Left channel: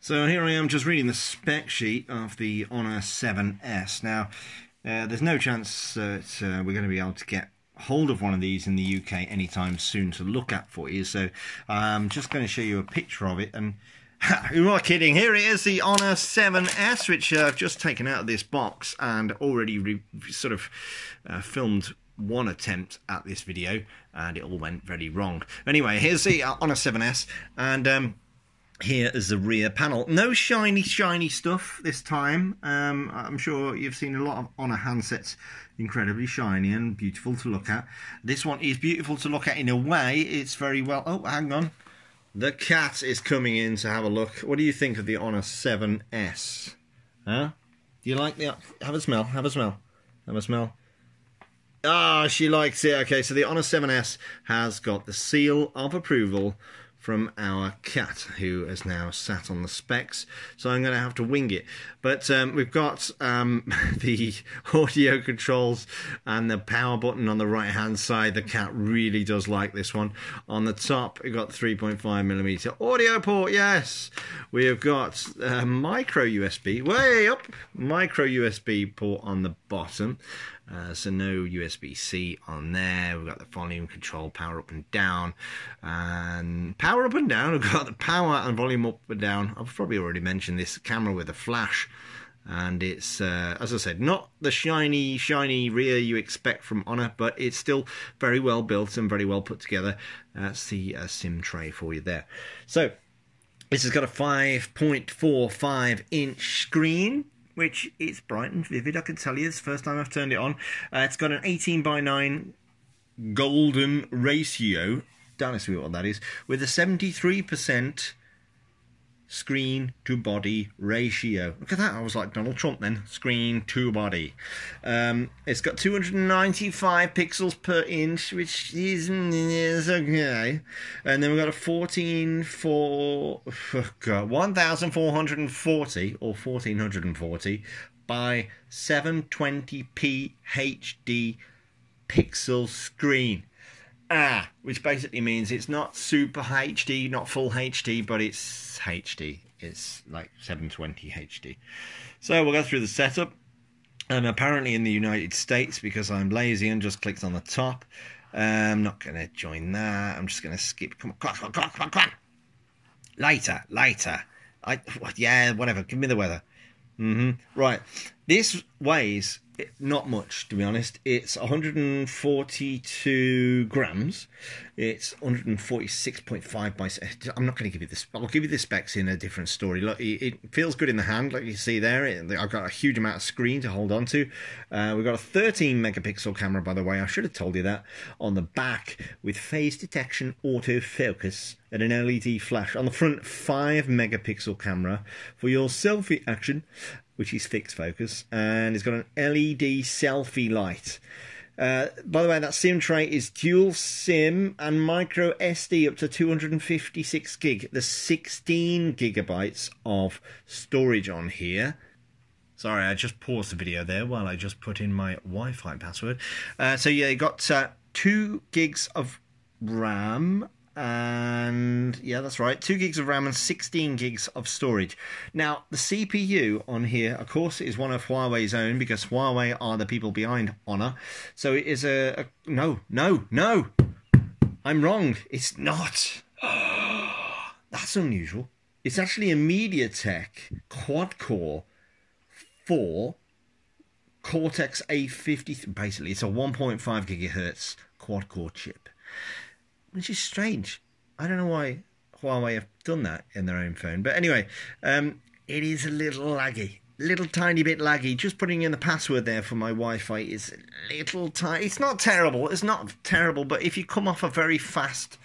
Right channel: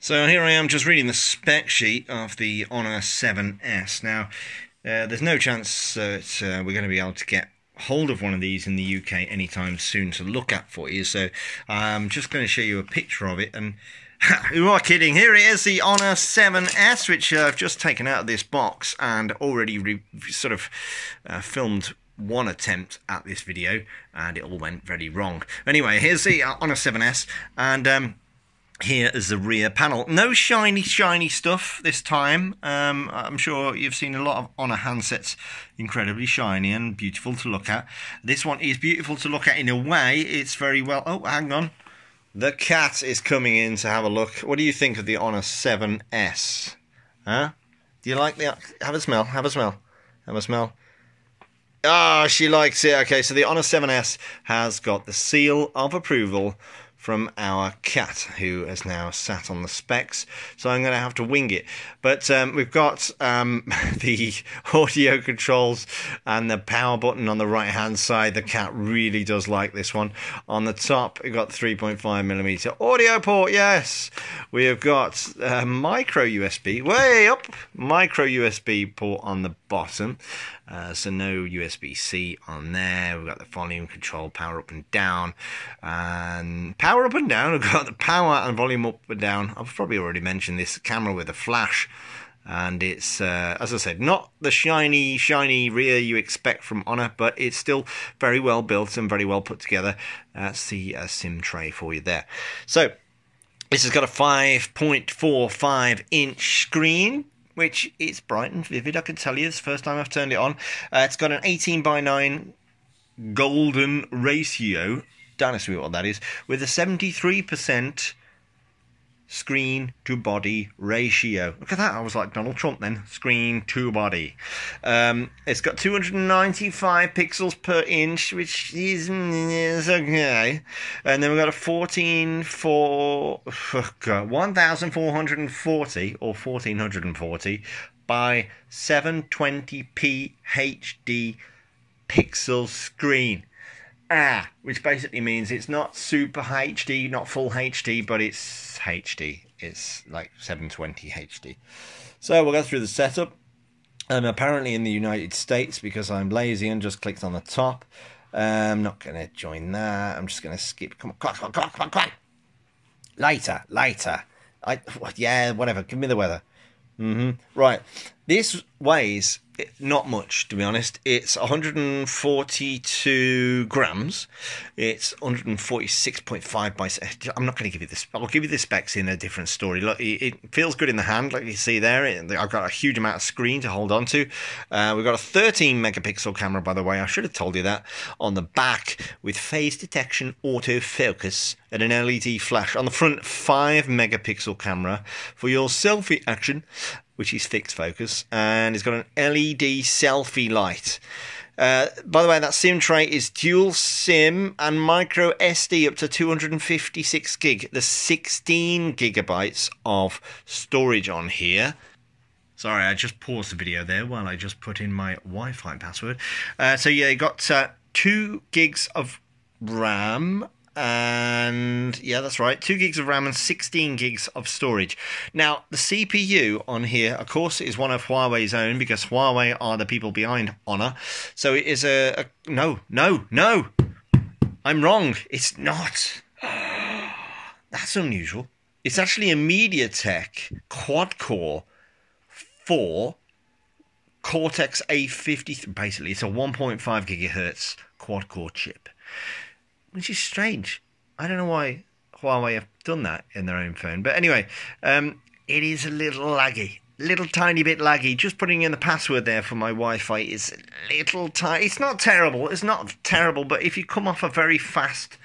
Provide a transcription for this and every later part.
So here I am just reading the spec sheet of the Honor 7S. Now, there's no chance that we're going to be able to get hold of one of these in the UK anytime soon to look at for you. So I'm just going to show you a picture of it. And who are kidding? Here it is, the Honor 7S, which I've just taken out of this box and already filmed one attempt at this video, and it all went very wrong. Anyway, here's the Honor 7S, and here is the rear panel. No shiny stuff this time. I'm sure you've seen a lot of Honor handsets incredibly shiny and beautiful to look at. This one is beautiful to look at in a way. It's very well... Oh, hang on. The cat is coming in to have a look. What do you think of the Honor 7S? Huh? Do you like the... Have a smell. Have a smell. Have a smell. Oh, she likes it. Okay, so the Honor 7S has got the seal of approval from our cat, who has now sat on the specs, so I'm going to have to wing it. But we've got the audio controls and the power button on the right hand side. The cat really does like this one. On the top, we've got 3.5mm audio port, yes. We have got micro USB, way up, micro USB port on the bottom. So no USB-C on there. We've got the volume control, power up and down. And power up and down, we've got the power and volume up and down. I've probably already mentioned this camera with a flash. And it's, as I said, not the shiny rear you expect from Honor, but it's still very well built and very well put together. That's the SIM tray for you there. So this has got a 5.45 inch screen, which is bright and vivid, I can tell you. It's the first time I've turned it on. It's got an 18:9 golden ratio. Don't ask me what that is. With a 73% screen to body ratio. Look at that. I was like Donald Trump then. Screen to body. It's got 295 pixels per inch, which is okay. And then we've got a 1440 or 1440 by 720p HD pixel screen. Which basically means it's not super HD, not full HD, but it's HD. It's like 720 HD. So we'll go through the setup. Apparently in the United States, because I'm lazy and just clicked on the top. I'm not going to join that. I'm just going to skip. Come on. Later. Yeah, whatever. Give me the weather. Right. This weighs not much, to be honest. It's 142 grams. It's 146.5 by... I'm not going to give you this. I'll give you the specs in a different story. Look, it feels good in the hand, like you see there. I've got a huge amount of screen to hold on to. We've got a 13 megapixel camera, by the way. I should have told you that. On the back, with phase detection, autofocus, and an LED flash. On the front, 5 megapixel camera for your selfie action, which is fixed focus, and it's got an LED selfie light. By the way, that SIM tray is dual SIM and micro SD up to 256 gig. There's 16 gigabytes of storage on here. Sorry, I just paused the video there while I just put in my Wi-Fi password. So yeah, you got 2 gigs of RAM. And yeah, that's right, 2 gigs of RAM and 16 gigs of storage. Now, the CPU on here, of course, is one of Huawei's own, because Huawei are the people behind Honor. So it is no, I'm wrong. It's not. That's unusual. It's actually a MediaTek quad-core 4 Cortex A53. Basically, it's a 1.5 gigahertz quad-core chip, which is strange. I don't know why Huawei have done that in their own phone. But anyway, it is a little laggy. Little tiny bit laggy. Just putting in the password there for my Wi-Fi is a little tiny. It's not terrible. It's not terrible. But if you come off a very fast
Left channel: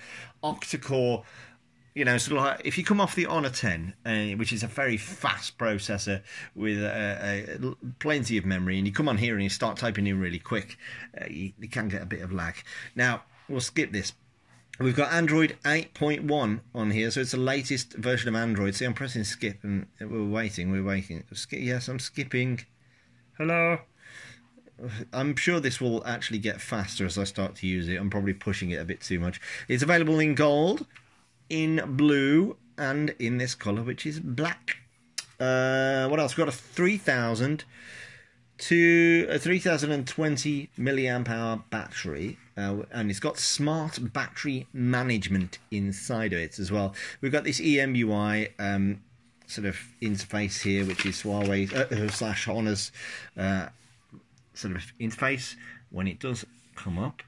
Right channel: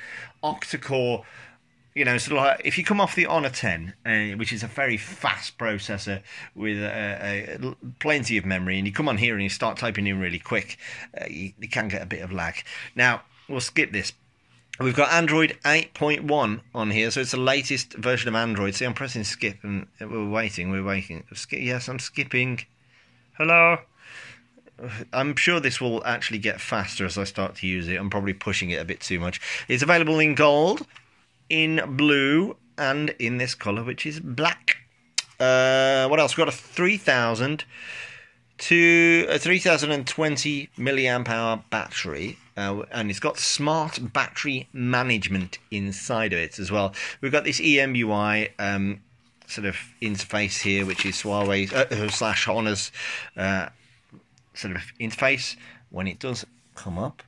octa-core, you know, sort of like if you come off the Honor 10, which is a very fast processor with plenty of memory, and you come on here and you start typing in really quick, you can get a bit of lag. Now, we'll skip this. We've got Android 8.1 on here, so it's the latest version of Android. See, I'm pressing skip, and we're waiting. Yes, I'm skipping. Hello? I'm sure this will actually get faster as I start to use it. I'm probably pushing it a bit too much. It's available in gold, in blue, and in this colour, which is black. What else? We've got a 3020 milliamp hour battery, and it's got smart battery management inside of it as well. We've got this EMUI sort of interface here, which is Huawei / Honor's sort of interface when it does come up,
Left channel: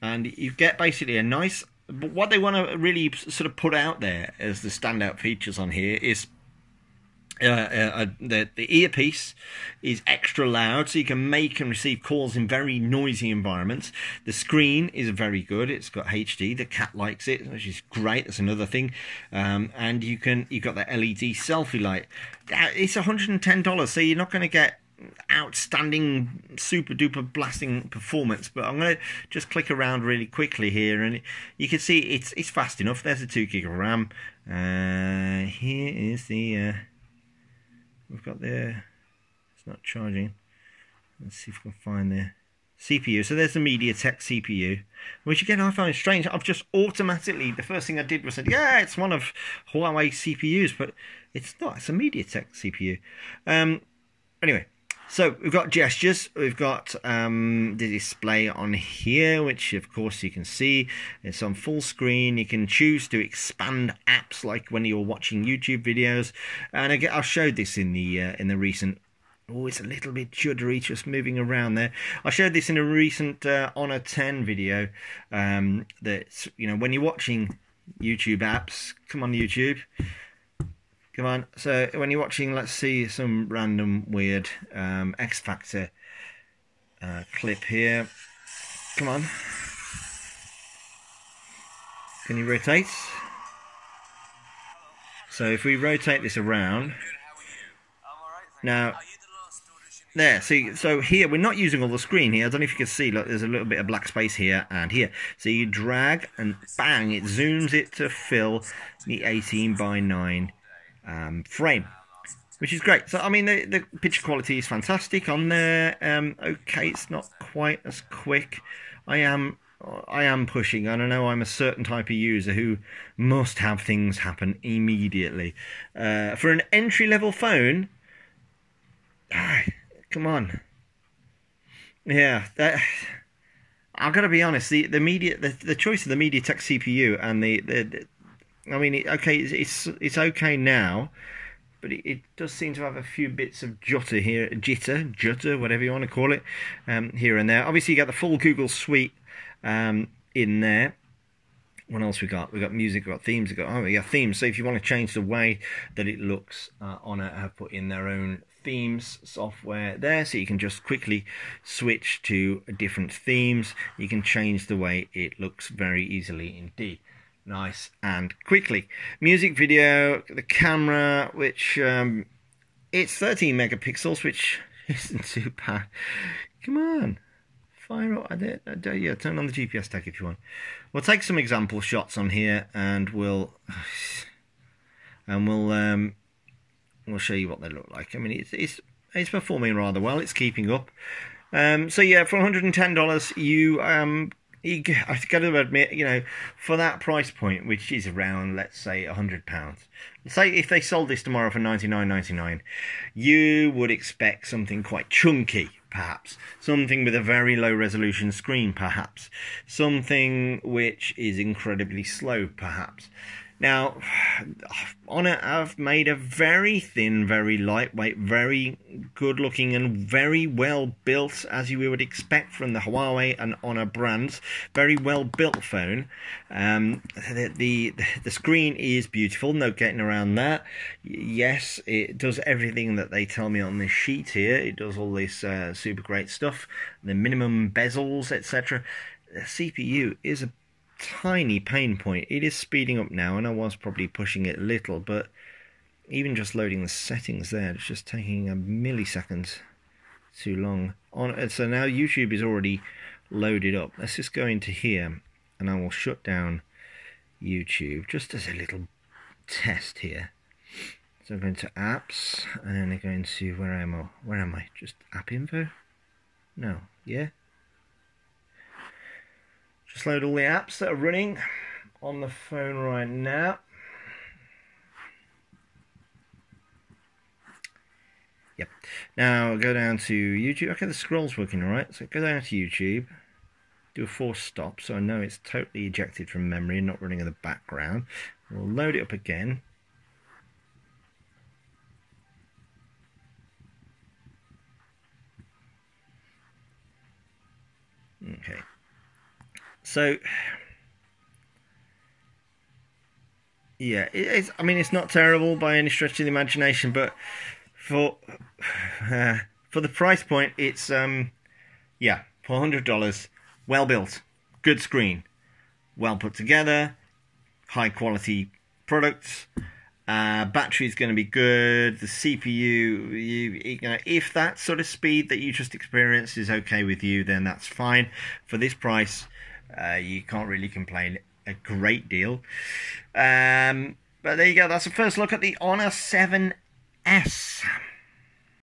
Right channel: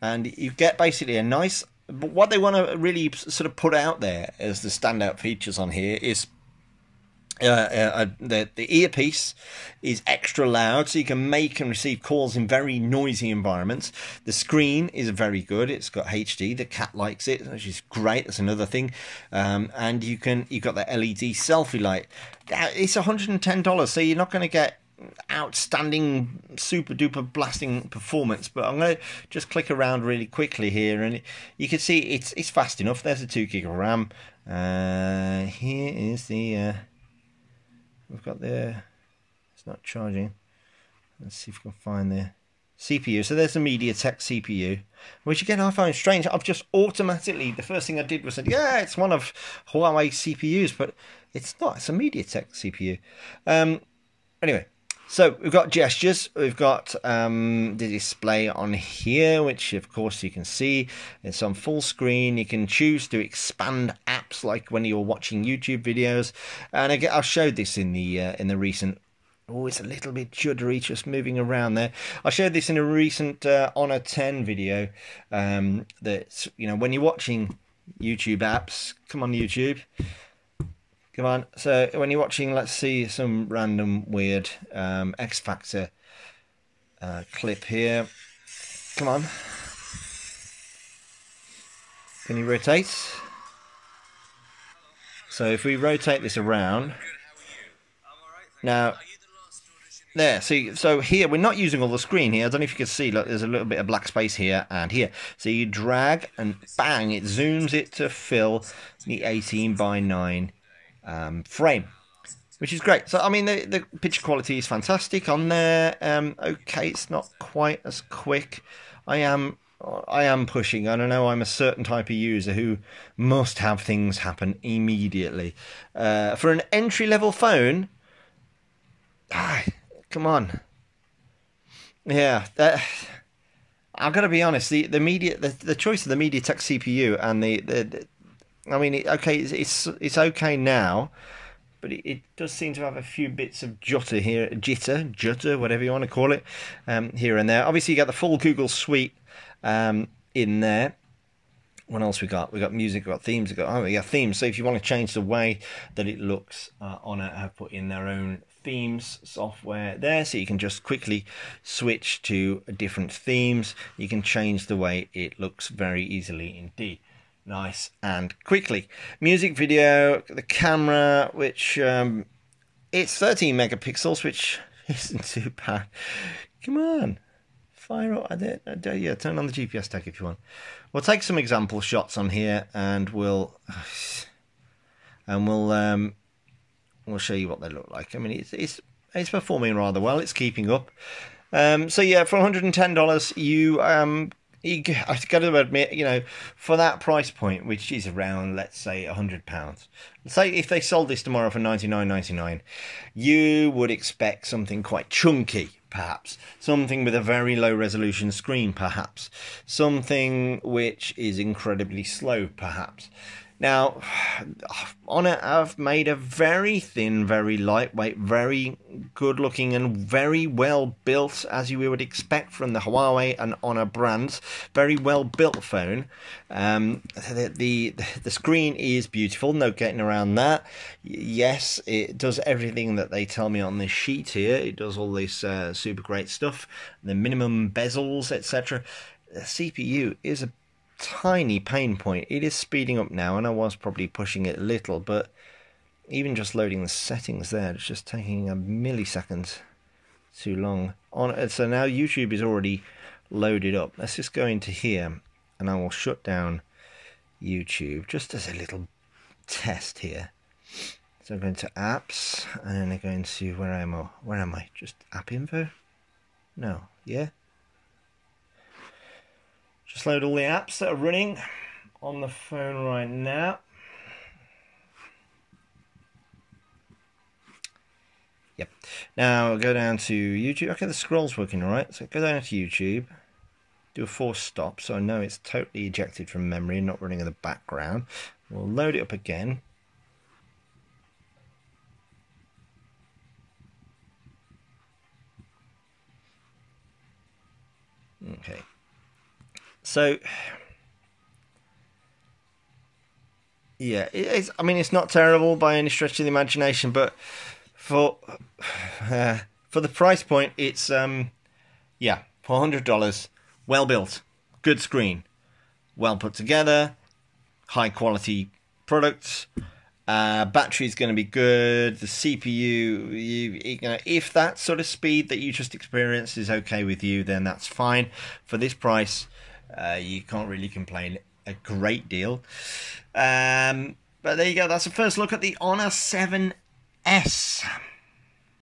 and you get basically a nice. But what they want to really sort of put out there as the standout features on here is the earpiece is extra loud, so you can make and receive calls in very noisy environments. The screen is very good; it's got HD. The cat likes it, which is great. That's another thing. And you've got the LED selfie light. It's $110, so you're not going to get outstanding super duper blasting performance, but I'm going to just click around really quickly here, and you can see it's fast enough. There's a 2 gig of RAM. Here is the we've got the, it's not charging. Let's see if we can find the CPU. So there's the MediaTek CPU, which again I find strange. I've just automatically, the first thing I did was said, yeah, it's one of Huawei CPUs, but it's not. It's a MediaTek CPU. Anyway. So we've got gestures, we've got the display on here, which of course you can see. It's on full screen. You can choose to expand apps like when you're watching YouTube videos. And again, I showed this in the recent. Oh, it's a little bit juddery just moving around there. I showed this in a recent Honor 10 video. That, you know, when you're watching YouTube apps, come on YouTube. Come on, so when you're watching, let's see some random weird X Factor clip here. Come on. Can you rotate? So if we rotate this around, now, there, see, so here, we're not using all the screen here. I don't know if you can see, look, there's a little bit of black space here and here. So you drag and bang, it zooms it to fill the 18:9 frame, which is great. So I mean, the picture quality is fantastic on there. Okay, it's not quite as quick. I am pushing. I don't know, I'm a certain type of user who must have things happen immediately. For an entry-level phone, come on. Yeah, I've got to be honest. The choice of the MediaTek CPU and I mean, okay, it's okay now, but it does seem to have a few bits of jitter, whatever you want to call it, here and there. Obviously, you got the full Google suite in there. What else we got? We got music, we got themes. We got themes. So if you want to change the way that it looks, Honor have put in their own themes software there, so you can just quickly switch to different themes. You can change the way it looks very easily indeed. Nice and quickly. Music video, the camera, which it's 13 megapixels, which isn't too bad. Come on, fire up. Yeah, turn on the GPS tag if you want. We'll take some example shots on here, and we'll show you what they look like. I mean, it's performing rather well. It's keeping up. So yeah, for $110, I've got to admit, you know, for that price point, which is around, let's say, £100. Say if they sold this tomorrow for $99.99, you would expect something quite chunky, perhaps. Something with a very low resolution screen, perhaps. Something which is incredibly slow, perhaps. Now, Honor have made a very thin, very lightweight, very good looking and very well built, as you would expect from the Huawei and Honor brands. Very well built phone. The screen is beautiful, no getting around that. Yes, it does everything that they tell me on this sheet here. It does all this super great stuff. The minimum bezels, etc. The CPU is a tiny pain point. It is speeding up now, and I was probably pushing it a little, but even just loading the settings there, it's just taking a millisecond too long. So now YouTube is already loaded up. Let's just go into here, and I will shut down YouTube just as a little test here. So I'm going to apps, and then I'm going to where am I? Just app info? No, yeah. Just load all the apps that are running on the phone right now. Yep. Now go down to YouTube. Okay, the scroll's working all right. So go down to YouTube. Do a force stop, so I know it's totally ejected from memory and not running in the background. We'll load it up again. Okay. So yeah, I mean, it's not terrible by any stretch of the imagination, but for the price point, it's yeah, $400, well built, good screen, well put together, high quality products. Battery's going to be good. The CPU, you know, if that sort of speed that you just experienced is okay with you, then that's fine. For this price, you can't really complain a great deal. But there you go. That's the first look at the Honor 7S.